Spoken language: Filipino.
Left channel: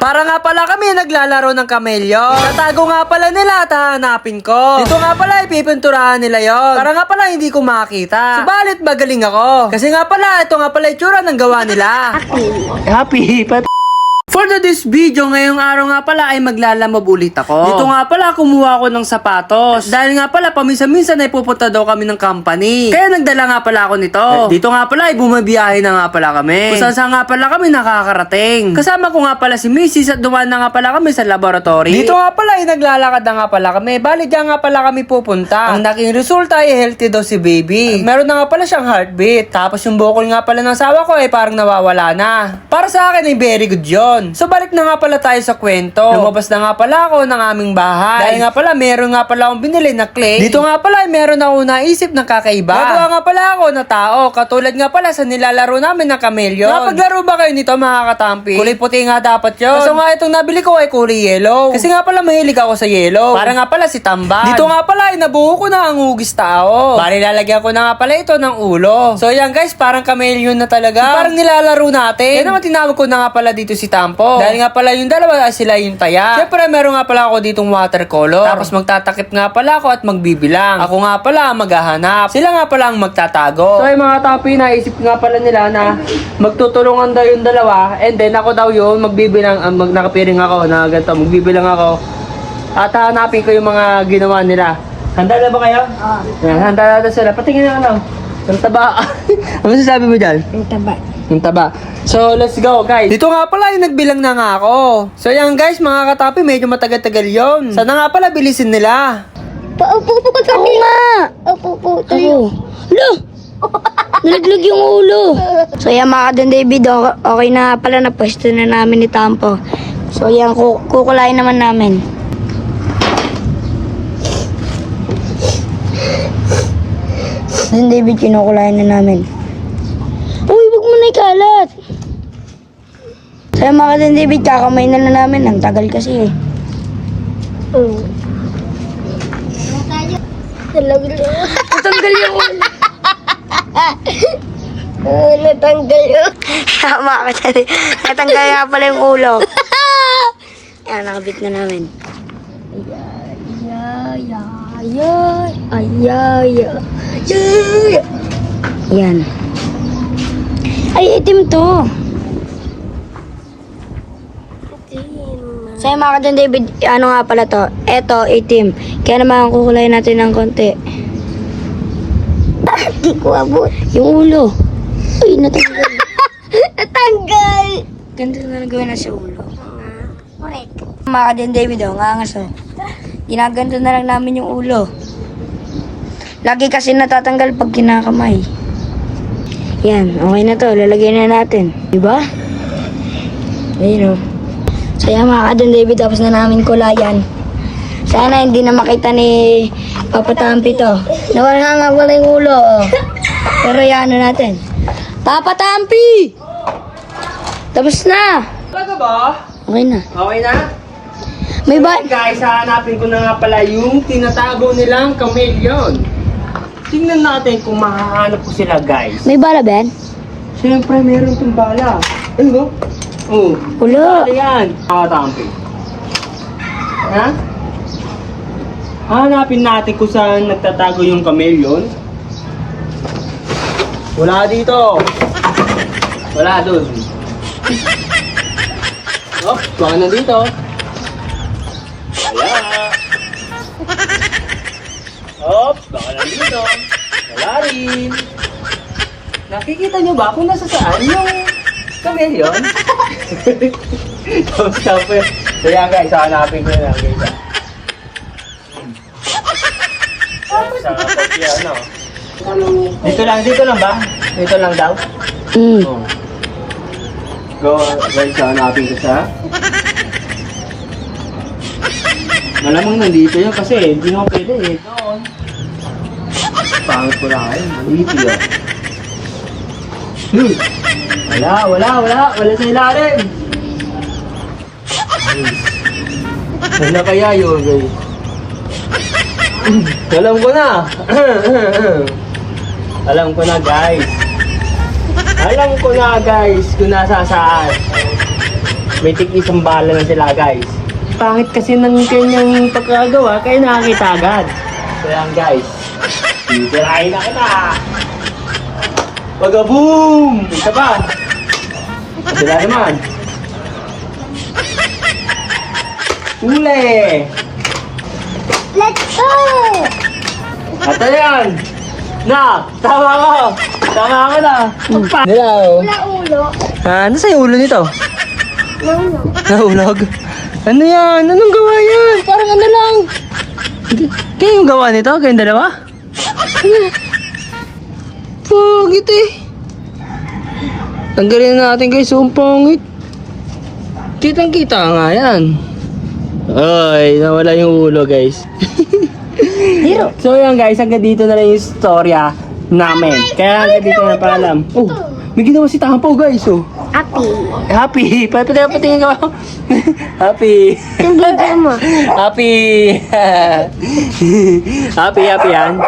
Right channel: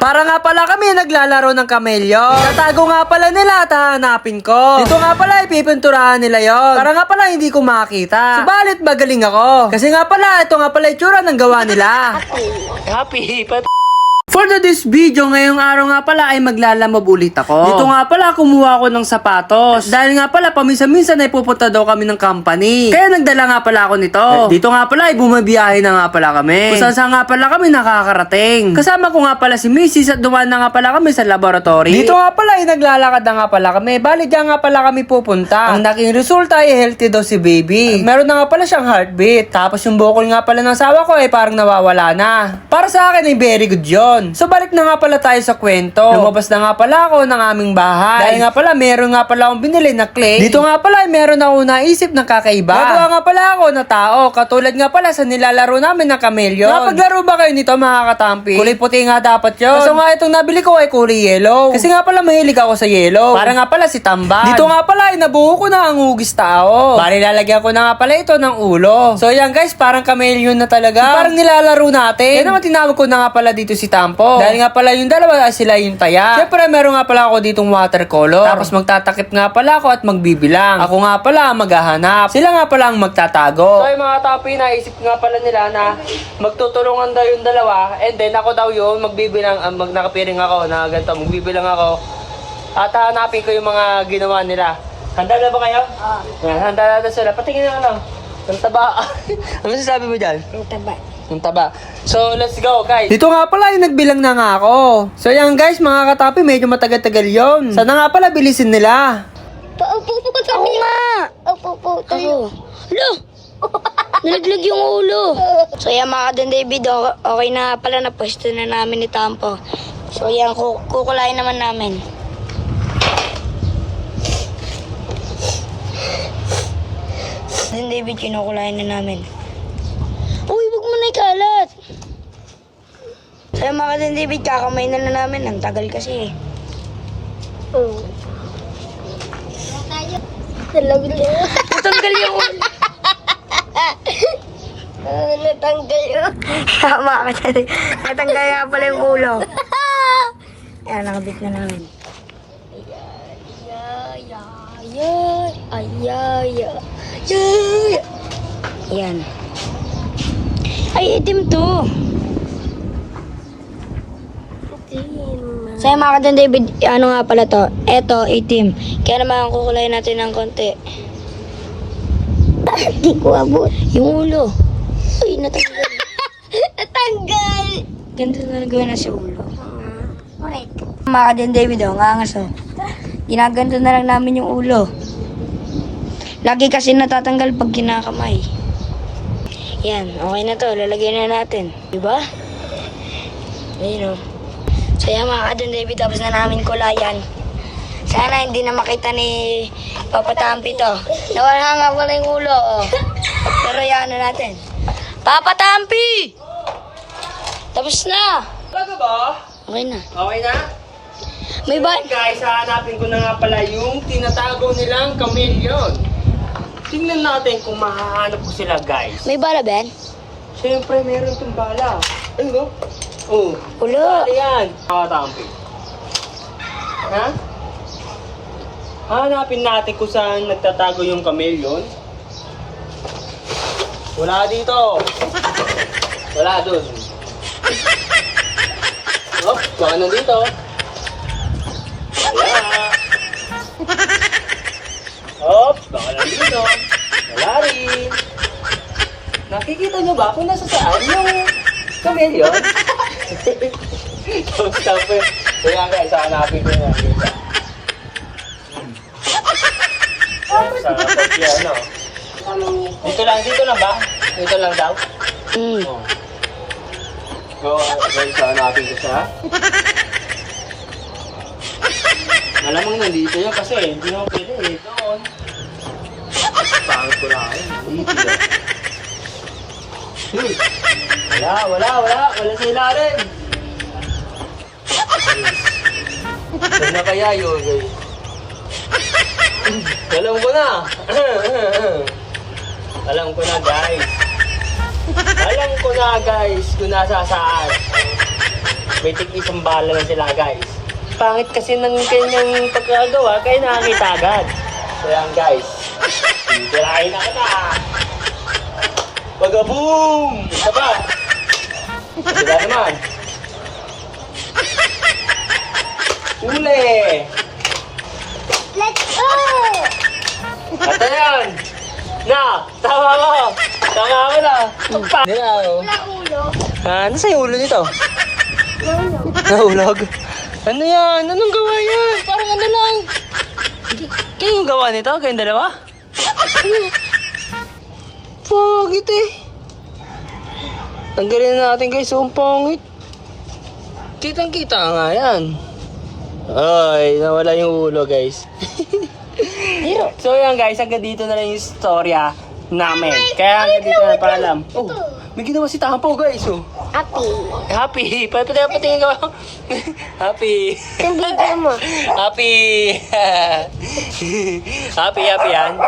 Para nga pala kami naglalaro ng kamelyo. Tatago nga pala nila at hahanapin ko. Dito nga pala ipipinturahan nila yon. Para nga pala hindi ko makita. Subalit magaling ako. Kasi nga pala ito nga pala itsura ng gawa nila. Happy, For this video, ngayong araw nga pala ay maglalamab ulit ako. Dito nga pala kumuha ako ng sapatos. Dahil nga pala paminsan-minsan ay pupunta daw kami ng company. Kaya nagdala nga pala ako nito. Dito nga pala ay bumabiyahe na nga pala kami. Kung saan nga pala kami nakakarating. Kasama ko nga pala si Mrs. at dumaan na nga pala kami sa laboratory. Dito nga pala ay naglalakad na nga pala kami. Bali dyan nga pala kami pupunta. Ang naging resulta ay healthy daw si baby. Meron na nga pala siyang heartbeat. Tapos yung bukol nga pala ng asawa ko ay parang nawawala na. Para sa akin ay very good yun. So balik na nga pala tayo sa kwento. Lumabas na nga pala ako ng aming bahay. Dahil nga pala meron nga pala akong binili na clay. Dito nga pala ay meron ako naisip ng kakaiba. Gagawa nga pala ako na tao. Katulad nga pala sa nilalaro namin ng kameleon. Napaglaro ba kayo nito mga katampi? Kulay puti nga dapat yun. Kaso nga itong nabili ko ay kulay yellow. Kasi nga pala mahilig ako sa yellow. Para nga pala si Tamban. Dito nga pala ay nabuo ko na ang hugis tao. Bali lalagyan ko na nga pala ito ng ulo. So yan guys, parang kameleon na talaga. Parang nilalaro natin. Kaya naman tinawag ko na nga pala dito si Tampo. Dahil nga pala yung dalawa ay sila yung taya. Siyempre meron nga pala ako ditong watercolor. Tapos magtatakip nga pala ako at magbibilang. Ako nga pala ang maghahanap. Sila nga pala ang magtatago. So ay mga tapi, naisip nga pala nila na magtutulungan daw yung dalawa. And then ako daw yun magbibilang, nakapiring ako na ganito, magbibilang ako. At hanapin ko yung mga ginawa nila. Handa na ba kayo? Yan, handa na sila. Patingin na ano. Ang taba. Ano sasabi mo dyan? Ang taba. Yung taba. So, let's go, guys. Dito nga pala, yung nagbilang na nga ako. So, yan, guys, mga katapi, medyo matagal-tagal yun. Sana nga pala, bilisin nila. Paupo ka kami nga. Paupo tayo. Lo! Nalaglag yung ulo. So yan mga kadon David, okay na pala na pwesto na namin ni Tampo. So yan, kukulain naman namin. Kadon David, kinukulain na namin. Uy, wag mo na ikalat. So yan mga kadon David, kakamay na namin. Ang tagal kasi eh. Natanggal yung ulo. Natanggal yun. Tama ka dyan. Natanggal nga pala yung ulo. Ayan, nakabit na namin. Ayan. Ay, itim to. So, mga kadon David, ano nga pala to? Eto, itim. Kaya naman kukulayin natin ng konti. Hindi ko abot. Yung ulo. Ay, natanggal. Natanggal! Ganito na gawin na sa ulo. Correct. Mga kadon David, ngangas oh. Ginaganto na lang namin yung ulo. Lagi kasi natatanggal pag kinakamay. Yan, okay na to. Lalagyan na natin. Diba? Ayun oh. Saya mga kadon David, tapos na namin kulayan. Sana hindi na makita ni Papa Tampi to. Nawala nga wala yung ulo. Oh. Pero yan natin. Papa Tampi! Tapos na. Talaga ba? Okay na. Okay na? May ba? Guys, hahanapin ko na nga pala yung tinatago nilang kameleon. Tingnan natin kung makahanap ko sila, guys. May bala, Ben? Siyempre, meron itong bala. Ano? Oh. Wala. Ano yan? Nakatampi. Ha? Hanapin natin kung saan nagtatago yung kameleon. Wala dito. Wala doon. Oh, wala na dito. Oh, baka na dito. Wala rin. Nakikita niyo ba kung nasa saan yung kameleon? Kaya guys, hanapin ko na. Dito lang ba? Dito lang daw? Go, guys, hanapin ko siya. Malamang nandito yun kasi hindi mo pwede eh. Pangit ko lang eh. Wala sa ilalim. Wala kaya yun, guys. Alam ko na. Alam ko na, guys. Alam ko na, guys, kung nasa saan. May tig-isang bala na sila guys. Pangit kasi ng kanyang pagkagawa, kaya nakakita agad. So yan guys. Titirahin na kita. Pag-boom! Isa pa. Sila naman. Huli! Let's go! At ano yan? Nak! Tama ka! Tama ka na! Nilaw. Wala ulo. Ano sa'yo ulo nito? Nahulog? Ano yan? Anong gawa yan? Parang ano lang. Kayo yung gawa nito? Kayong dalawa? Pangit eh. Tanggalin na natin guys. Ang pangit. Kitang kita nga yan. Ay, nawala yung ulo guys. So yan guys, hanggang dito na lang yung storya namin. Kaya hanggang dito na paalam. Oh, may ginawa si Tampaw guys oh. Happy. Happy! Patingin ka ba? Happy! Hindi mo. Happy! Happy yan.